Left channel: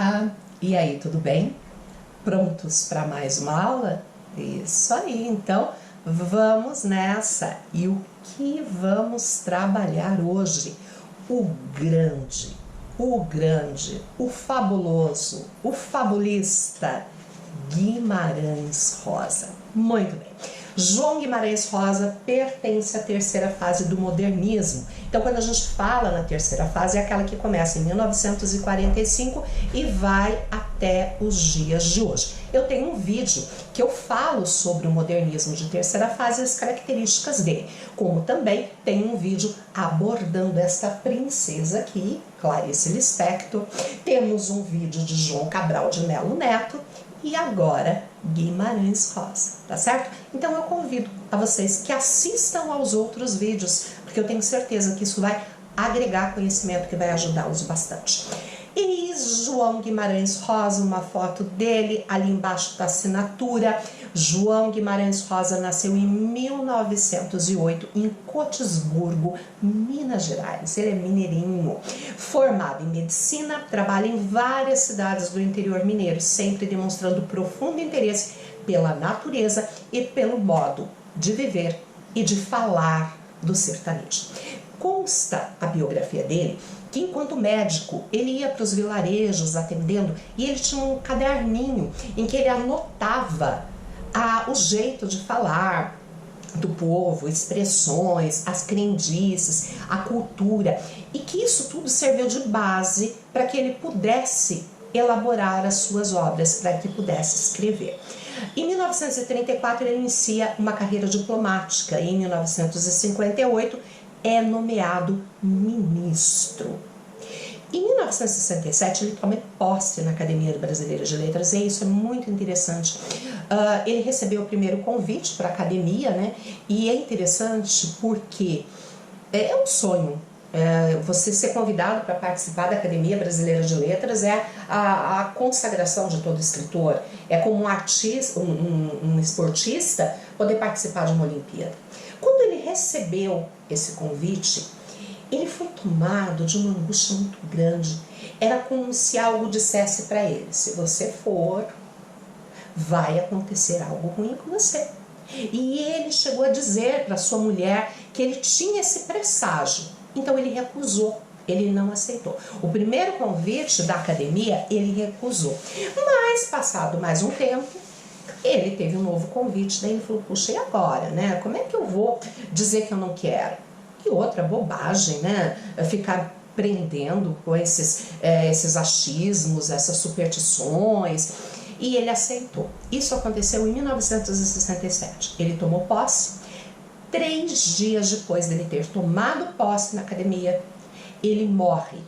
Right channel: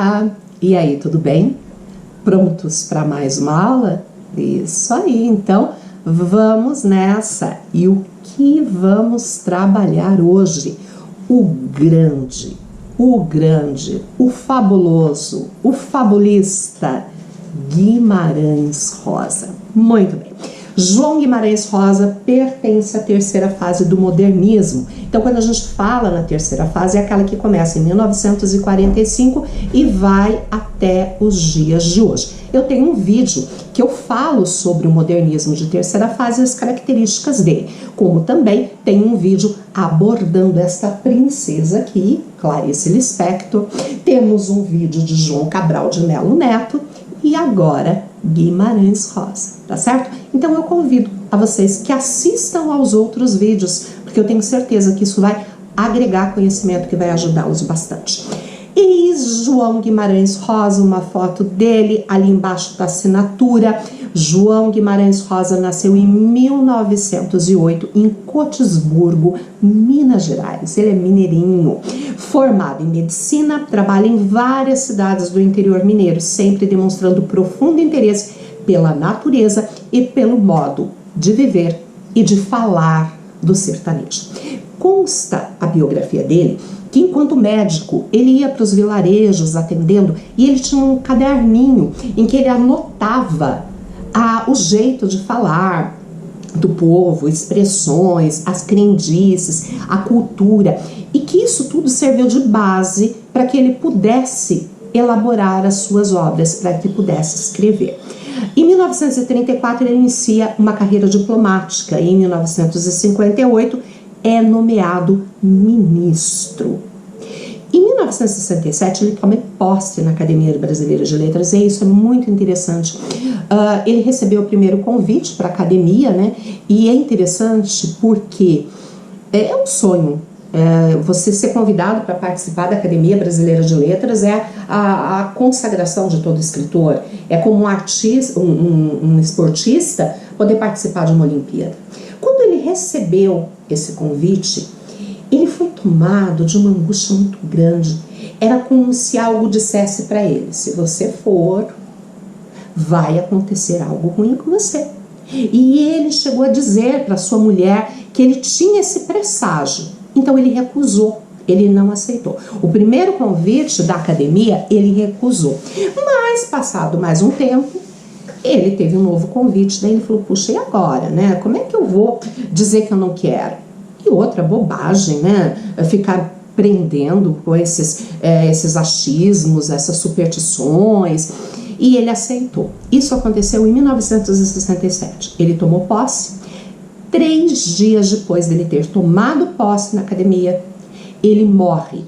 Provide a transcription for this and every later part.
Olá! E aí, tudo bem? Prontos para mais uma aula? Isso aí, então vamos nessa! E o que vamos trabalhar hoje? O grande, o fabuloso, o fabulista Guimarães Rosa. Muito bem. João Guimarães Rosa pertence à terceira fase do modernismo. Então, quando a gente fala na terceira fase, é aquela que começa em 1945 e vai até os dias de hoje. Eu tenho um vídeo que eu falo sobre o modernismo de terceira fase e as características dele, como também tem um vídeo abordando esta princesa aqui, Clarice Lispector. Temos um vídeo de João Cabral de Melo Neto e agora Guimarães Rosa, tá certo? Então eu convido a vocês que assistam aos outros vídeos, porque eu tenho certeza que isso vai agregar conhecimento que vai ajudá-los bastante. E João Guimarães Rosa, uma foto dele, ali embaixo da assinatura. João Guimarães Rosa nasceu em 1908 em Cotisburgo, Minas Gerais. Ele é mineirinho, formado em medicina, trabalha em várias cidades do interior mineiro, sempre demonstrando profundo interesse pela natureza e pelo modo de viver e de falar do sertanejo. Consta a biografia dele que enquanto médico ele ia para os vilarejos atendendo e ele tinha um caderninho em que ele anotava o jeito de falar do povo, expressões, as crendices, a cultura, e que isso tudo serviu de base para que ele pudesse elaborar as suas obras, para que pudesse escrever. Em 1934 ele inicia uma carreira diplomática e em 1958 é nomeado ministro. Em 1967 ele toma posse na Academia Brasileira de Letras e isso é muito interessante. Ele recebeu o primeiro convite para a academia, né? E é interessante porque é um sonho. Você ser convidado para participar da Academia Brasileira de Letras é a consagração de todo escritor. É como um artista, um esportista poder participar de uma Olimpíada. Quando ele recebeu esse convite, ele foi tomado de uma angústia muito grande. Era como se algo dissesse para ele: se você for, vai acontecer algo ruim com você. E ele chegou a dizer para sua mulher que ele tinha esse presságio. Então ele recusou, ele não aceitou. O primeiro convite da academia ele recusou. Mas passado mais um tempo, ele teve um novo convite. Daí ele falou: puxa, e agora, né? Como é que eu vou dizer que eu não quero? E outra bobagem, né? Ficar prendendo com esses achismos, essas superstições. E ele aceitou. Isso aconteceu em 1967. Ele tomou posse. 3 dias depois dele ter tomado posse na academia, ele morre.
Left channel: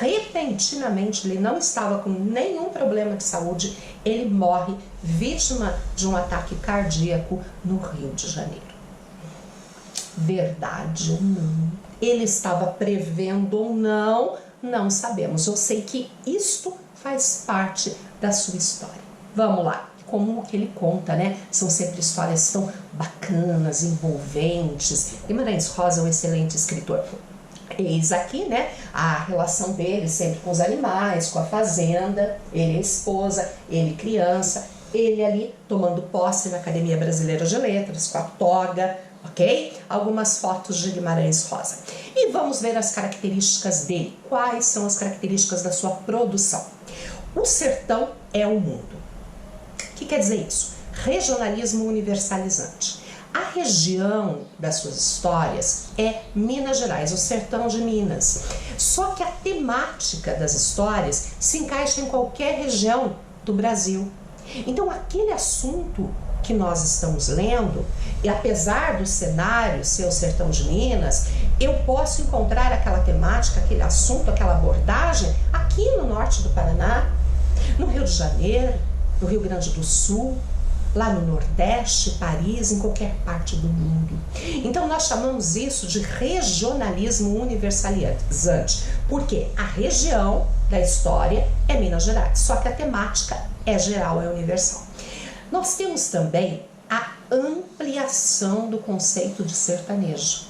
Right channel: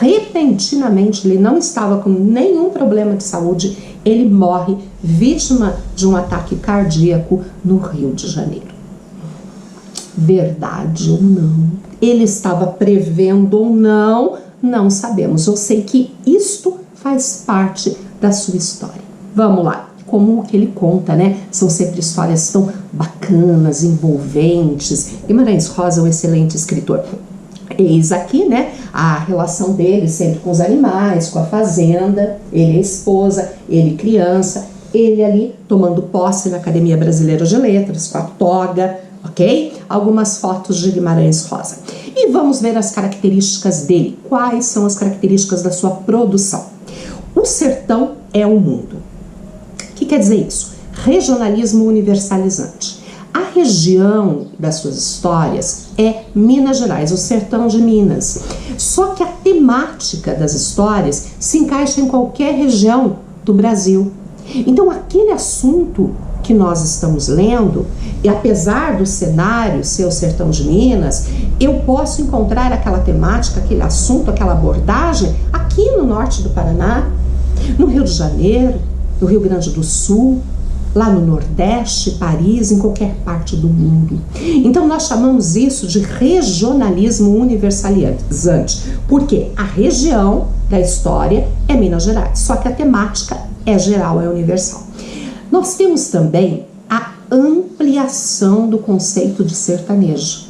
Repentinamente, ele não estava com nenhum problema de saúde, ele morre vítima de um ataque cardíaco no Rio de Janeiro. Verdade ou não? Ele estava prevendo ou não? Não sabemos. Eu sei que isto faz parte da sua história. Vamos lá. Como que ele conta, né? São sempre histórias tão bacanas, envolventes. Guimarães Rosa é um excelente escritor. Eis aqui, né, a relação dele sempre com os animais, com a fazenda, ele é esposa, ele criança, ele ali tomando posse na Academia Brasileira de Letras, com a toga, ok? Algumas fotos de Guimarães Rosa. E vamos ver as características dele. Quais são as características da sua produção? O sertão é o mundo. O que quer dizer isso? Regionalismo universalizante. A região das suas histórias é Minas Gerais, o sertão de Minas. Só que a temática das histórias se encaixa em qualquer região do Brasil. Então, aquele assunto que nós estamos lendo, e apesar do cenário ser o sertão de Minas, eu posso encontrar aquela temática, aquele assunto, aquela abordagem aqui no norte do Paraná, no Rio de Janeiro, no Rio Grande do Sul, lá no Nordeste, Paris, em qualquer parte do mundo. Então nós chamamos isso de regionalismo universalizante, porque a região da história é Minas Gerais, só que a temática é geral, é universal. Nós temos também a ampliação do conceito de sertanejo.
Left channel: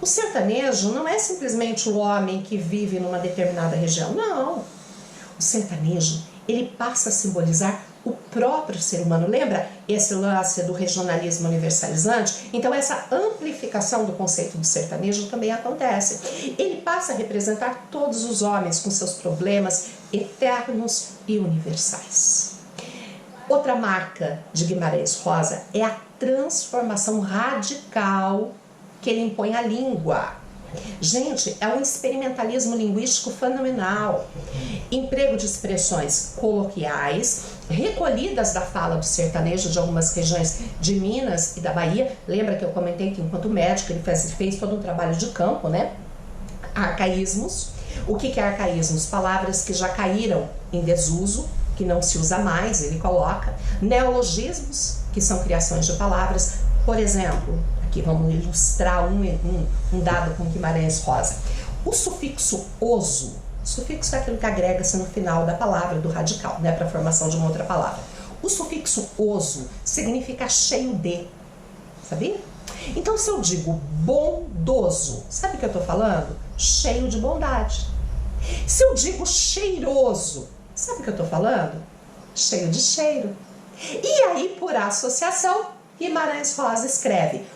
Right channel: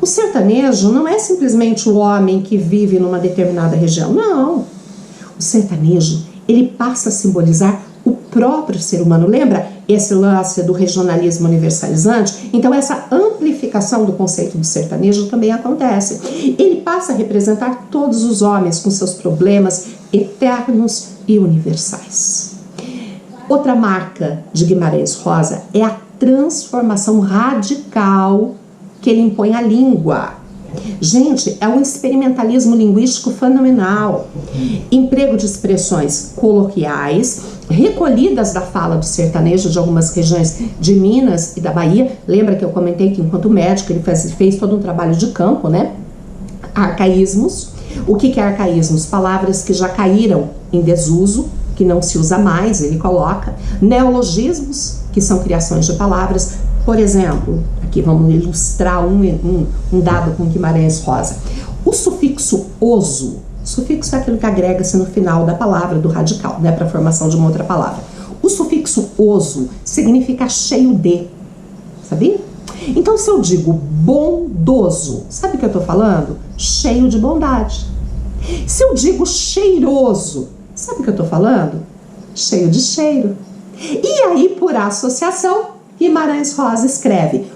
O sertanejo não é simplesmente o homem que vive numa determinada região, não. O sertanejo, ele passa a simbolizar o próprio ser humano. Lembra esse lance do regionalismo universalizante? Então essa amplificação do conceito do sertanejo também acontece. Ele passa a representar todos os homens com seus problemas eternos e universais. Outra marca de Guimarães Rosa é a transformação radical que ele impõe à língua. Gente, é um experimentalismo linguístico fenomenal. Emprego de expressões coloquiais, recolhidas da fala do sertanejo de algumas regiões de Minas e da Bahia. Lembra que eu comentei que enquanto médico ele fez todo um trabalho de campo, né? Arcaísmos. O que é arcaísmos? Palavras que já caíram em desuso, que não se usa mais, ele coloca. Neologismos, que são criações de palavras. Por exemplo, aqui vamos ilustrar um dado com Guimarães Rosa. O sufixo oso, sufixo é aquilo que agrega-se no final da palavra, do radical, né, para a formação de uma outra palavra. O sufixo oso significa cheio de, sabia? Então, se eu digo bondoso, sabe o que eu estou falando? Cheio de bondade. Se eu digo cheiroso, sabe o que eu estou falando? Cheio de cheiro. E aí, por associação, Guimarães Rosa escreve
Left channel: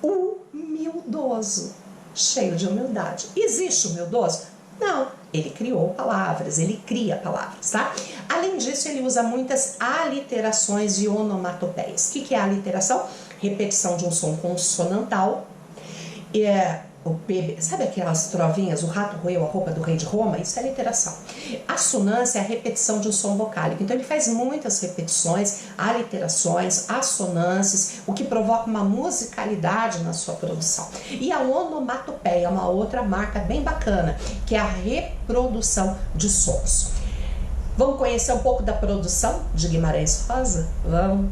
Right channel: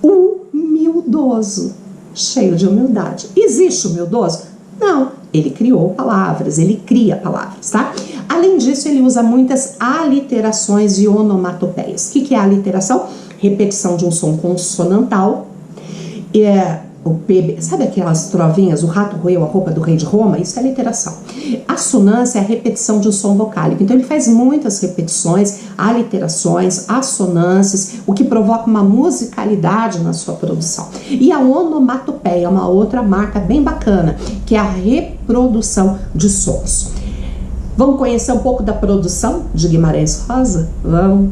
humildoso, cheio de humildade. Existe humildoso? Não, ele criou palavras, ele cria palavras, tá? Além disso, ele usa muitas aliterações e onomatopeias. O que é a aliteração? Repetição de um som consonantal. O PB, sabe aquelas trovinhas, o rato roeu a roupa do rei de Roma? Isso é literação. Assonância é a repetição de um som vocálico. Então ele faz muitas repetições, aliterações, assonâncias, o que provoca uma musicalidade na sua produção. E a onomatopeia é uma outra marca bem bacana, que é a reprodução de sons. Vamos conhecer um pouco da produção de Guimarães Rosa? Vamos.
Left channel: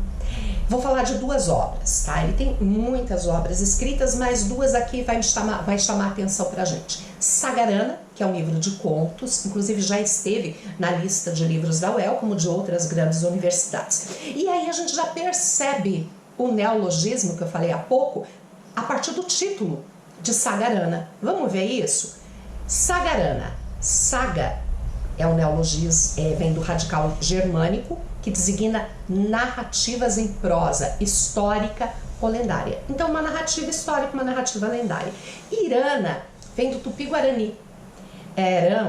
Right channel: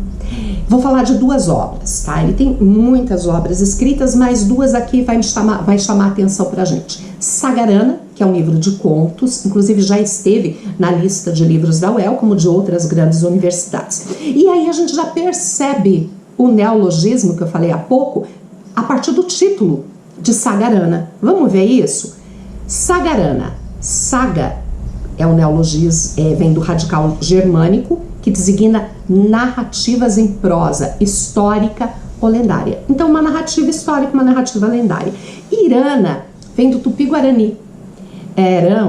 Vou falar de duas obras, tá? Ele tem muitas obras escritas, mas duas aqui vai chamar a atenção pra gente. Sagarana, que é um livro de contos, inclusive já esteve na lista de livros da UEL, como de outras grandes universidades. E aí a gente já percebe o neologismo que eu falei há pouco, a partir do título de Sagarana. Vamos ver isso? Sagarana, saga é um neologismo, vem do radical germânico, que designa narrativas em prosa, histórica ou lendária. Então, uma narrativa histórica, uma narrativa lendária. Irana vem do tupi-guarani,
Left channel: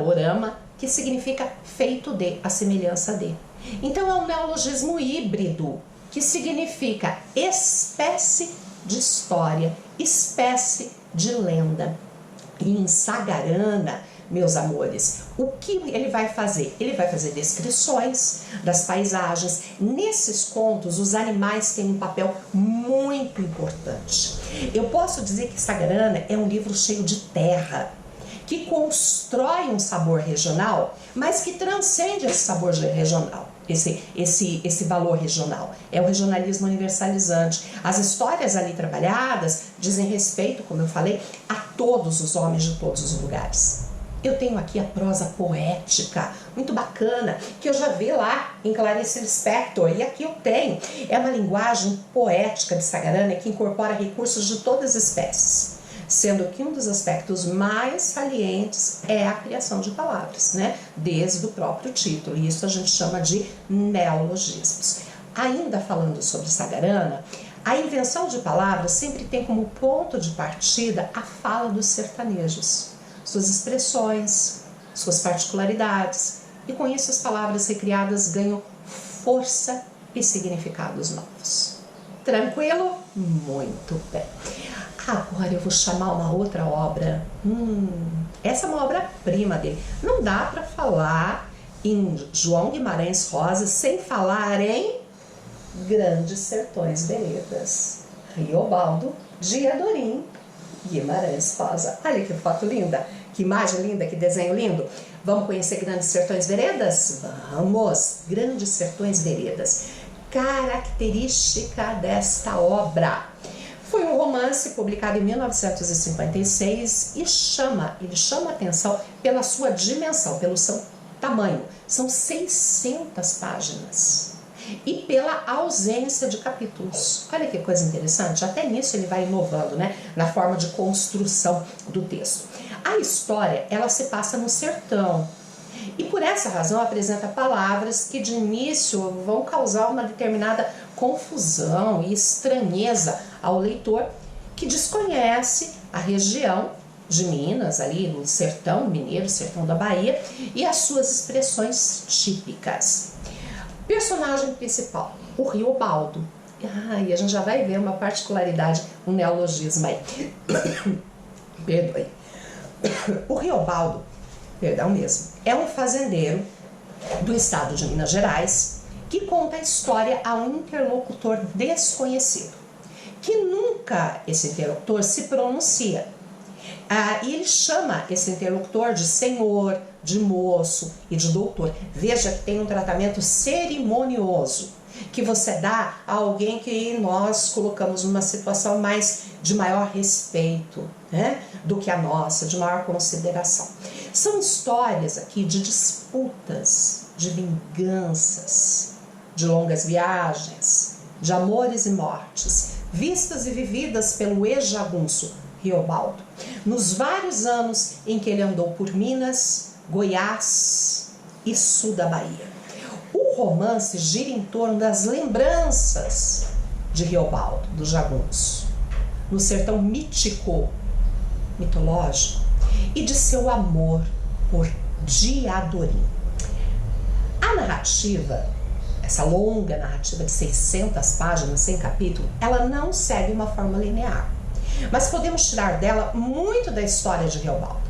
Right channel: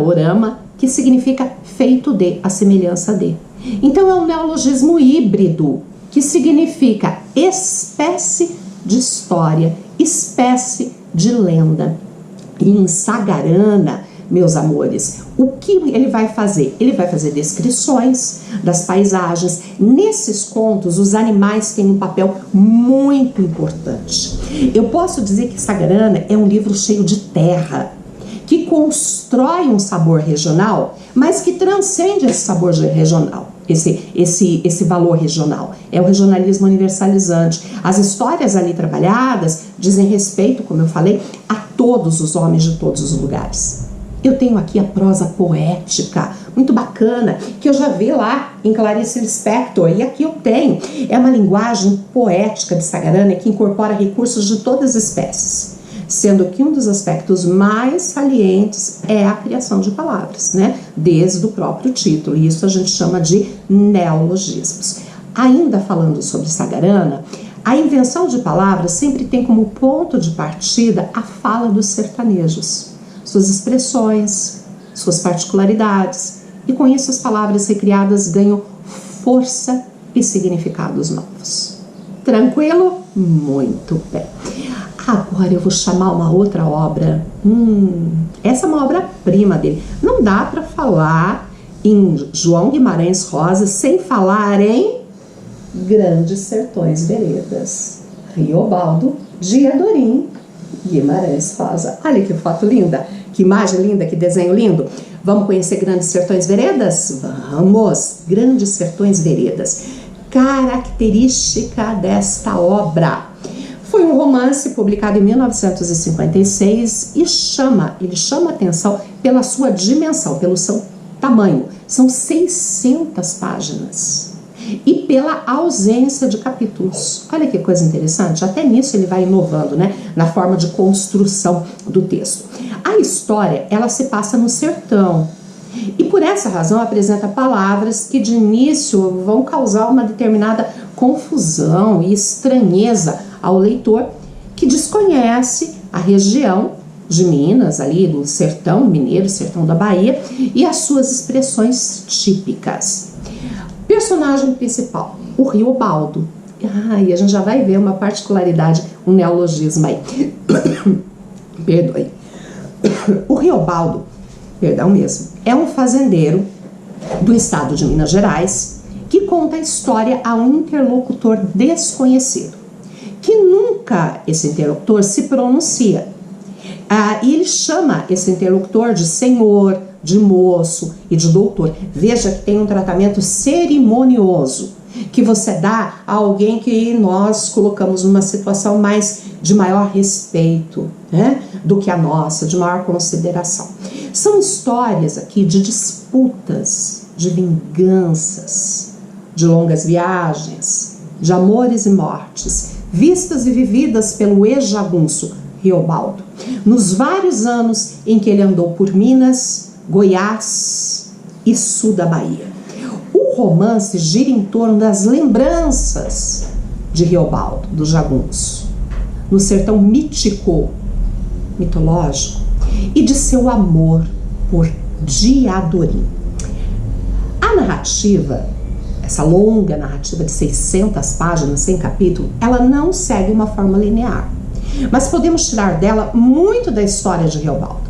orama, que significa feito de, a semelhança de. Então, é um neologismo híbrido, que significa espécie de história, espécie de lenda. E em Sagarana, meus amores, o que ele vai fazer? Ele vai fazer descrições das paisagens. Nesses contos, os animais têm um papel muito importante. Eu posso dizer que Sagarana é um livro cheio de terra, que constrói um sabor regional, mas que transcende esse sabor regional, esse valor regional. É o regionalismo universalizante. As histórias ali trabalhadas dizem respeito, como eu falei, a todos os homens de todos os lugares. Eu tenho aqui a prosa poética, muito bacana, que eu já vi lá em Clarice Lispector, e aqui eu tenho. É uma linguagem poética de Sagarana que incorpora recursos de todas as espécies, sendo que um dos aspectos mais salientes é a criação de palavras, né? Desde o próprio título, e isso a gente chama de neologismos. Ainda falando sobre Sagarana, a invenção de palavras sempre tem como ponto de partida a fala dos sertanejos, suas expressões, suas particularidades, e com isso as palavras recriadas ganham força e significados novos. Tranquilo? Muito bem. Agora eu vou chamar uma outra obra. Essa é uma obra-prima dele. Não dá para falar em João Guimarães Rosa sem falar em Grandes Sertões Veredas. Riobaldo de Adorim Guimarães Rosa. Olha que foto linda, que imagem linda, que desenho lindo. Vamos conhecer Grandes Sertões Veredas? Vamos! Grandes Sertões Veredas. Característica desta obra. Foi um romance publicado em 1956 e ele chama atenção pela sua dimensão, pelo seu tamanho. São 600 páginas. E pela ausência de capítulos. Olha que coisa interessante, até nisso ele vai inovando, né? Na forma de construção do texto. A história, ela se passa no sertão. E por essa essa razão apresenta palavras que de início vão causar uma determinada confusão e estranheza ao leitor que desconhece a região de Minas, ali do sertão mineiro, sertão da Bahia, e as suas expressões típicas. Personagem principal, o Riobaldo. E a gente já vai ver uma particularidade, um neologismo aí. Perdoe. O Riobaldo, perdão mesmo, é um fazendeiro do estado de Minas Gerais que conta a história a um interlocutor desconhecido, que nunca esse interlocutor se pronuncia. E ele chama esse interlocutor de senhor, de moço e de doutor. Veja que tem um tratamento cerimonioso que você dá a alguém que nós colocamos numa situação de maior respeito, né, do que a nossa, de maior consideração. São histórias aqui de disputas, de vinganças, de longas viagens, de amores e mortes, vistas e vividas pelo ex-jagunço Riobaldo, nos vários anos em que ele andou por Minas, Goiás e sul da Bahia. O romance gira em torno das lembranças de Riobaldo, do jagunço, no sertão mítico, mitológico, e de seu amor por Diadorim. A narrativa, essa longa narrativa de 600 páginas, 100 capítulos, ela não segue uma forma linear, mas podemos tirar dela muito da história de Riobaldo.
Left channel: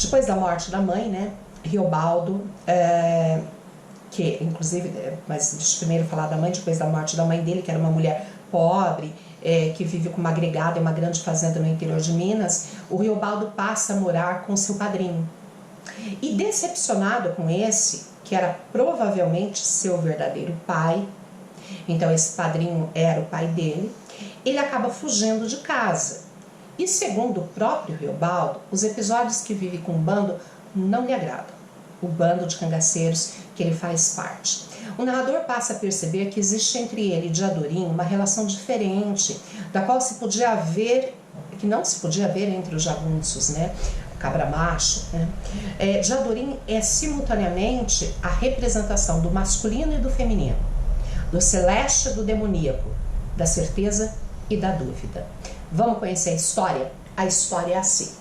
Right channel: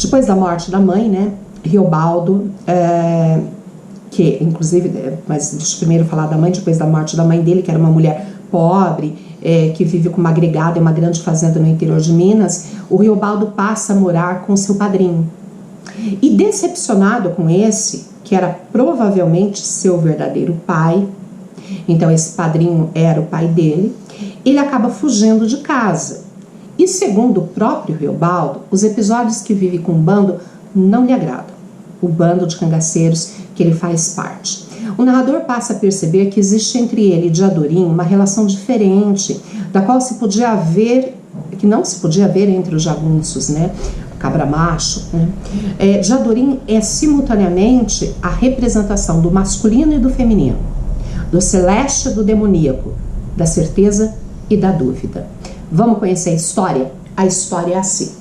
Depois da morte da mãe, né, Riobaldo, que inclusive, mas deixa eu primeiro falar da mãe, depois da morte da mãe dele, que era uma mulher pobre, que vive com uma agregada em uma grande fazenda no interior de Minas, o Riobaldo passa a morar com seu padrinho. E decepcionado com esse, que era provavelmente seu verdadeiro pai, então esse padrinho era o pai dele, ele acaba fugindo de casa. E segundo o próprio Riobaldo, os episódios que vive com o bando não lhe agradam, o bando de cangaceiros que ele faz parte. O narrador passa a perceber que existe entre ele e Diadorim uma relação diferente, da qual que não se podia ver entre os jagunços, né? Cabra macho, né? Diadorim é simultaneamente a representação do masculino e do feminino, do celeste e do demoníaco, da certeza e da dúvida. Vamos conhecer a história? A história é assim.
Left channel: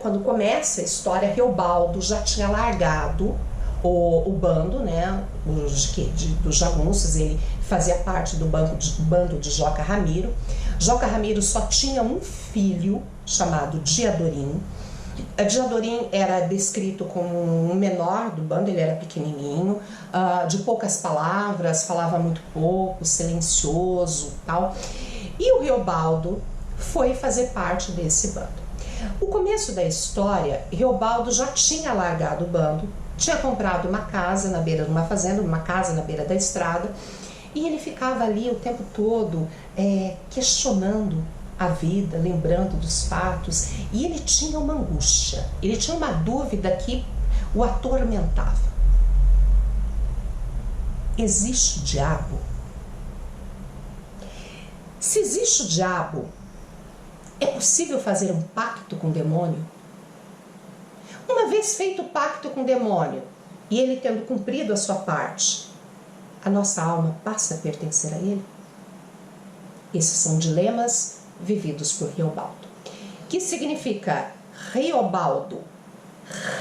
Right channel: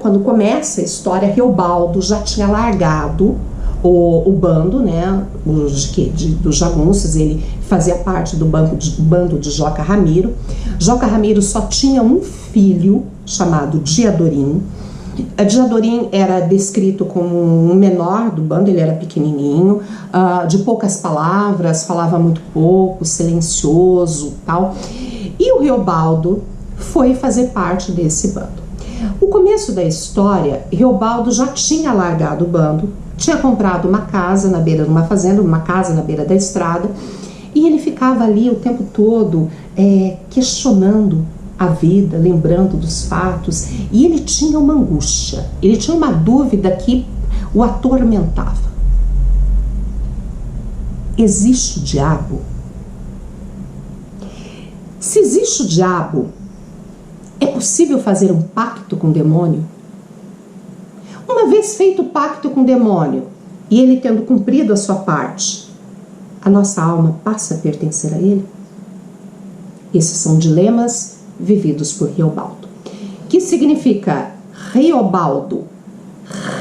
Quando começa a história, Riobaldo já tinha largado o bando, né, dos jagunços. Ele fazia parte do bando de Joca Ramiro. Joca Ramiro só tinha um filho chamado Diadorim. Diadorim era descrito como um menor do bando, ele era pequenininho, de poucas palavras, falava muito pouco, silencioso, tal. E o Riobaldo foi fazer parte desse bando. O começo da história, Riobaldo já tinha largado o bando, tinha comprado uma casa na beira de uma fazenda, uma casa na beira da estrada, e ele ficava ali o tempo todo questionando a vida, lembrando dos fatos, e ele tinha uma angústia, ele tinha uma dúvida que o atormentava. Existe o diabo? Se existe o diabo, é possível fazer um pacto com o demônio? Uma vez feito o pacto com o demônio, e ele tendo cumprido a sua parte, a nossa alma passa a pertencer a ele? Esses são dilemas vividos por Riobaldo. Que significa Riobaldo?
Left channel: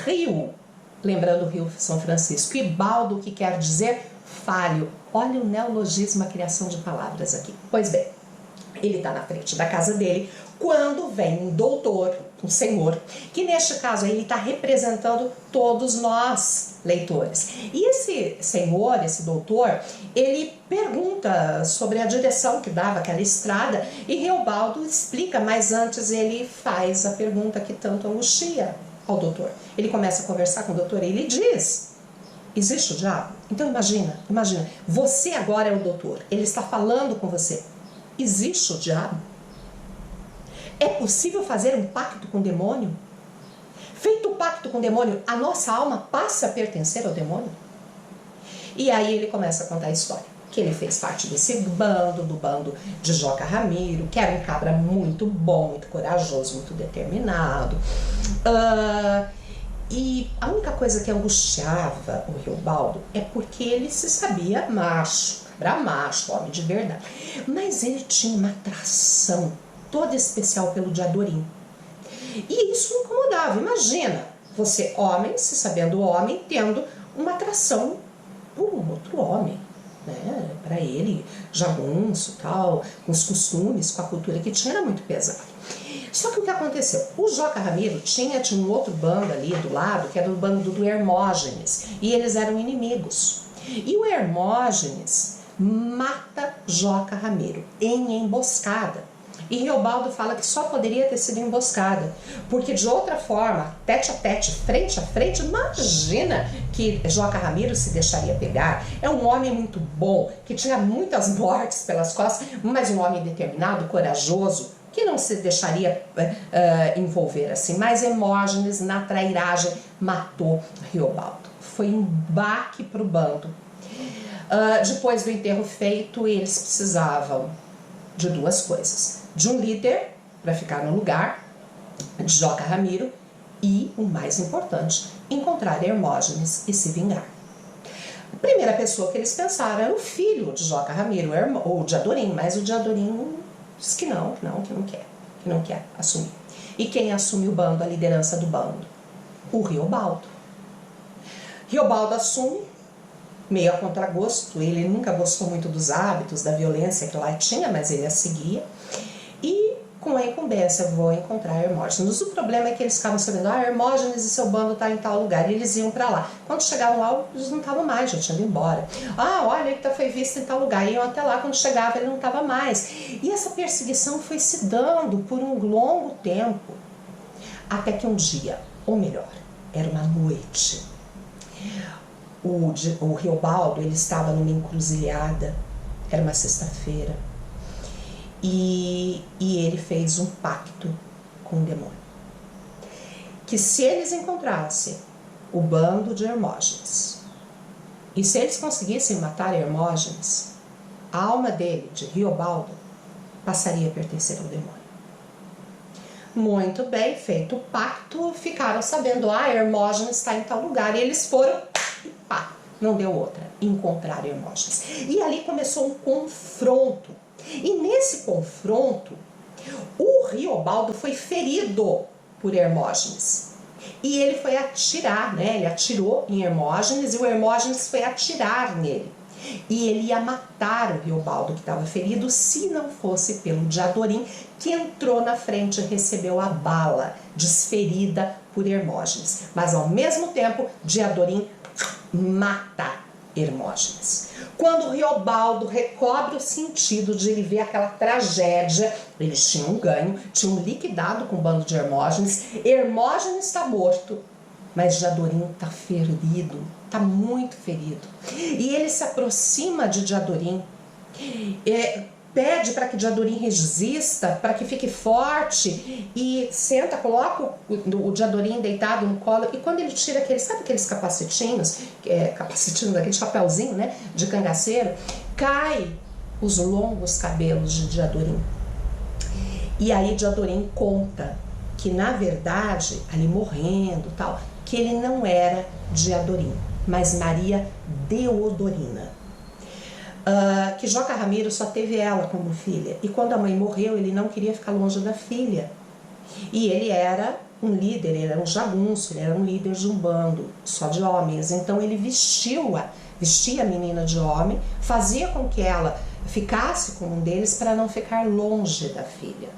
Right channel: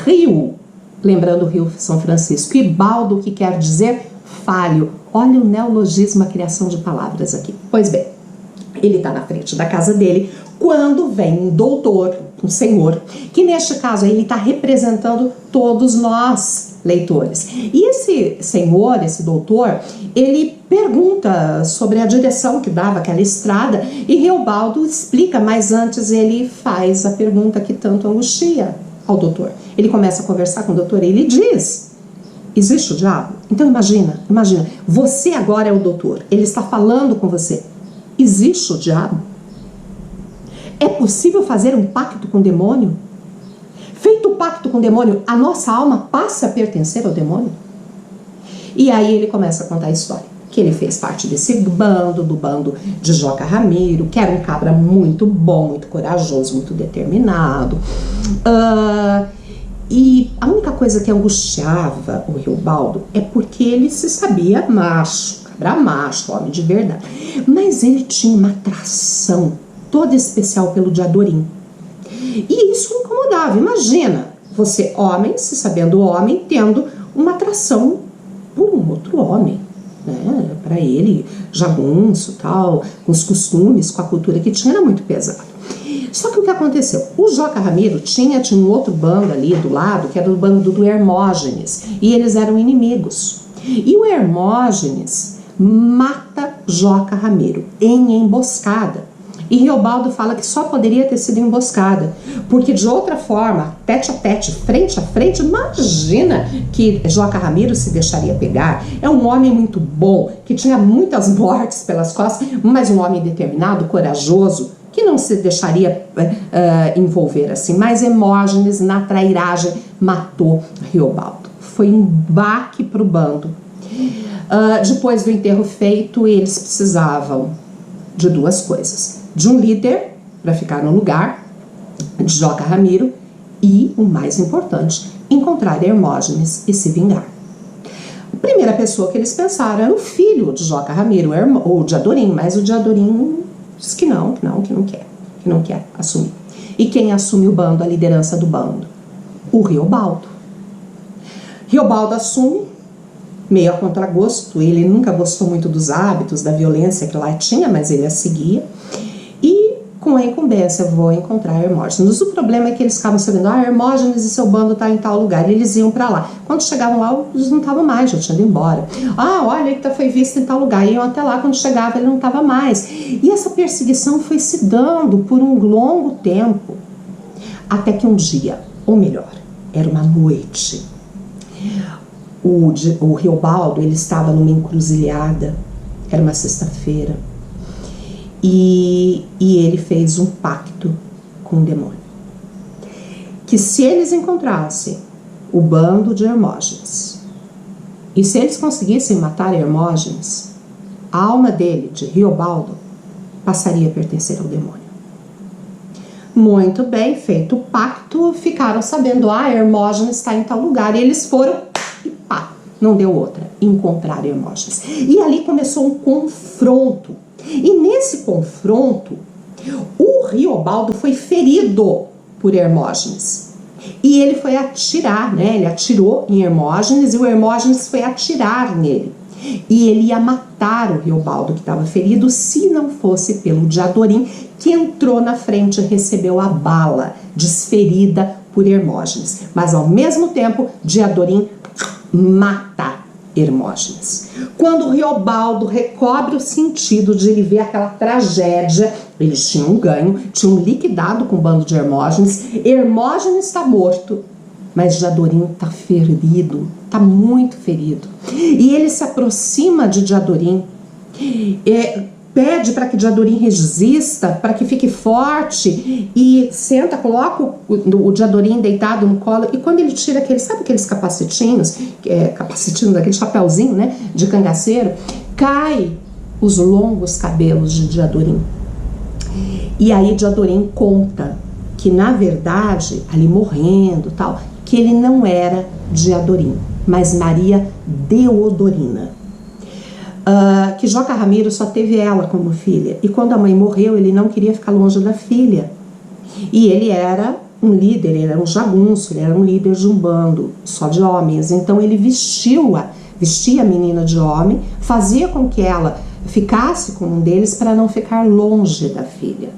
Rio, lembrando o Rio São Francisco, e baldo, que quer dizer falho. Olha o neologismo, a criação de palavras aqui. Pois bem, ele está na frente da casa dele quando vem um doutor, um senhor, que neste caso ele está representando todos nós, leitores. E esse senhor, esse doutor, ele pergunta sobre a direção que dava aquela estrada e Riobaldo explica, mas antes ele faz a pergunta que tanto angustia ao doutor. Ele começa a conversar com o doutor e ele diz: existe o diabo? Então imagina, você agora é o doutor, ele está falando com você. Existe o diabo? É possível fazer um pacto com o demônio? Feito o pacto com o demônio, a nossa alma passa a pertencer ao demônio? E aí ele começa a contar a história, que ele fez parte desse bando, do bando de Joca Ramiro, que era um cabra muito bom, muito corajoso, muito determinado. E a coisa que angustiava o Riobaldo é porque ele se sabia macho, cabra macho, homem de verdade. Mas ele tinha uma atração toda especial pelo Diadorim. E isso o incomodava. Imagina você, homem, se sabendo homem, tendo uma atração por um outro homem, né? Para ele, jagunço, tal, com os costumes, com a cultura que tinha, era muito pesado. Só que o que aconteceu? O Joca Ramiro tinha um outro bando ali do lado, que era o bando do Hermógenes, e eles eram inimigos. E o Hermógenes mata Joca Ramiro em emboscada. E Riobaldo fala que só poderia ter sido emboscada, porque de outra forma, tete a tete, frente a frente, imagina que Joca Ramiro se deixaria pegar. É um homem muito bom, que tinha muitas mortes pelas costas, mas um homem determinado, corajoso, que não se deixaria envolver assim. Mas Hermógenes, na trairagem, matou Riobaldo. Foi um baque para o bando. Depois do enterro feito, eles precisavam de duas coisas: de um líder para ficar no lugar de Joca Ramiro e, o mais importante, encontrar Hermógenes e se vingar. A primeira pessoa que eles pensaram era o filho de Joca Ramiro, o Diadorim, mas o Diadorim disse que não quer assumir. E quem assume o bando, a liderança do bando? O Riobaldo. Riobaldo assume, meio a contragosto. Ele nunca gostou muito dos hábitos, da violência que lá tinha, mas ele a seguia. E com a incumbência, vou encontrar Hermógenes. O problema é que eles ficavam sabendo, Hermógenes e seu bando tá em tal lugar, e eles iam para lá. Quando chegavam lá, eles não estavam mais, já tinham ido embora. Olha, ele foi visto em tal lugar, iam até lá, quando chegava ele não estava mais. E essa perseguição foi se dando por um longo tempo, até que um dia, ou melhor, era uma noite, o Riobaldo, ele estava numa encruzilhada, era uma sexta-feira, e ele fez um pacto com o demônio, que se eles encontrassem o bando de Hermógenes, e se eles conseguissem matar Hermógenes, a alma dele, de Riobaldo, passaria a pertencer ao demônio. Muito bem, feito o pacto, ficaram sabendo, Hermógenes está em tal lugar, e eles foram, e pá, não deu outra, encontrar Hermógenes. E ali começou um confronto, e nesse confronto, o Riobaldo foi ferido por Hermógenes, e ele foi atirar, né? Ele atirou em Hermógenes, e o Hermógenes foi atirar nele. E ele ia matar o Riobaldo, que estava ferido, se não fosse pelo Diadorim, que entrou na frente e recebeu a bala desferida por Hermógenes. Mas ao mesmo tempo, Diadorim mata Hermógenes. Quando o Riobaldo recobre o sentido de ele ver aquela tragédia, eles tinham ganho, tinham liquidado com o bando de Hermógenes. Hermógenes está morto, mas Diadorim está ferido, está muito ferido. E ele se aproxima de Diadorim, pede para que Diadorim resista, para que fique forte, e senta, coloca o Diadorim deitado no colo, e quando ele tira sabe aqueles capacetinhos, daquele chapéuzinho, né, de cangaceiro, cai os longos cabelos de Diadorim. E aí Diadorim conta que, na verdade, ali morrendo tal, que ele não era Diadorim, mas Maria Deodorina. Que Joca Ramiro só teve ela como filha, e quando a mãe morreu, ele não queria ficar longe da filha. E ele era um líder, ele era um jagunço, ele era um líder de um bando só de homens, então ele vestia a menina de homem, fazia com que ela ficasse com um deles para não ficar longe da filha.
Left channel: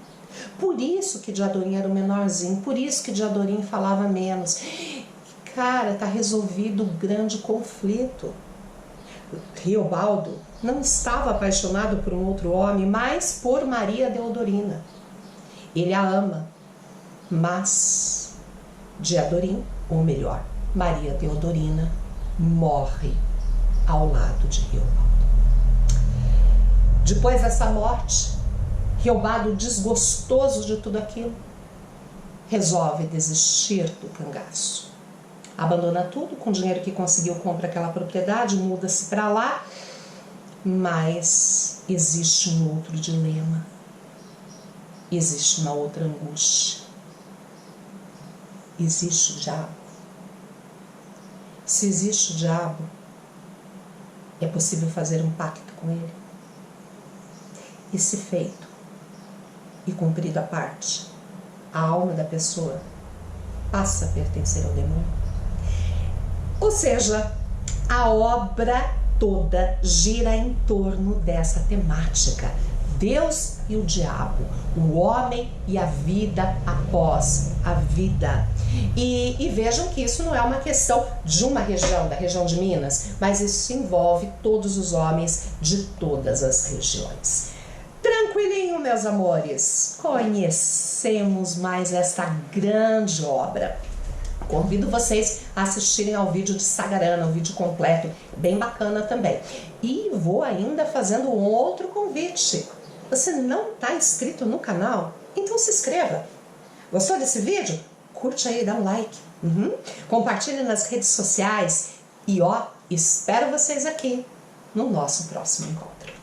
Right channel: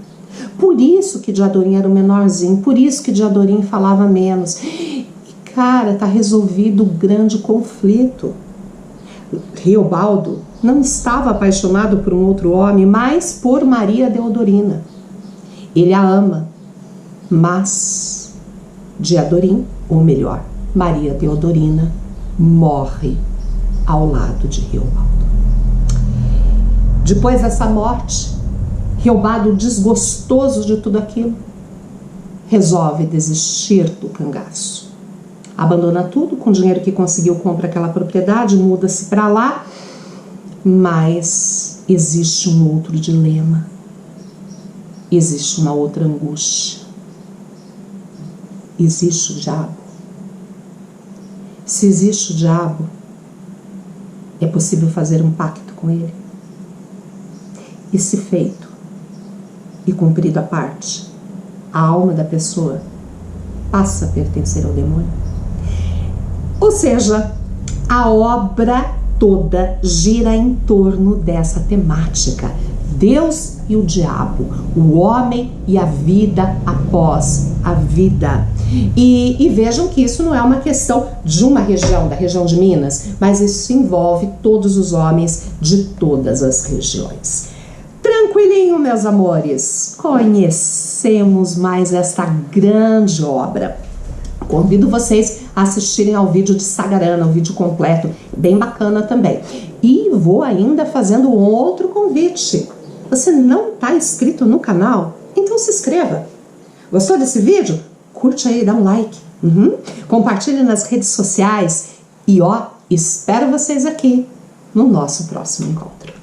Por isso que Diadorim era o menorzinho, por isso que Diadorim falava menos. E, cara, tá resolvido o grande conflito. Riobaldo não estava apaixonado por um outro homem, mas por Maria Deodorina. Ele a ama, mas Diadorim, ou melhor, Maria Deodorina, morre ao lado de Riobaldo. Depois dessa morte, Riobaldo, desgostoso de tudo aquilo, resolve desistir do cangaço. Abandona tudo, com o dinheiro que conseguiu compra aquela propriedade, muda-se para lá, mas existe um outro dilema, existe uma outra angústia, existe o diabo. Se existe o diabo, é possível fazer um pacto com ele. E se feito e cumprido a parte, a alma da pessoa passa a pertencer ao demônio. Ou seja, a obra toda gira em torno dessa temática: Deus e o diabo, o homem e a vida após a vida. E vejam que isso não é uma questão de uma região, da região de Minas, mas isso envolve todos os homens de todas as regiões. Tranquilinho, meus amores, conhecemos mais esta grande obra. Convido vocês a assistirem ao vídeo de Sagarana, o vídeo completo, bem bacana também. E vou ainda fazendo um outro convite. Você não está inscrito no canal? Então se inscreva. Gostou desse vídeo? Curte aí, dá um like. Compartilhe nas redes sociais. E espero vocês aqui no nosso próximo encontro.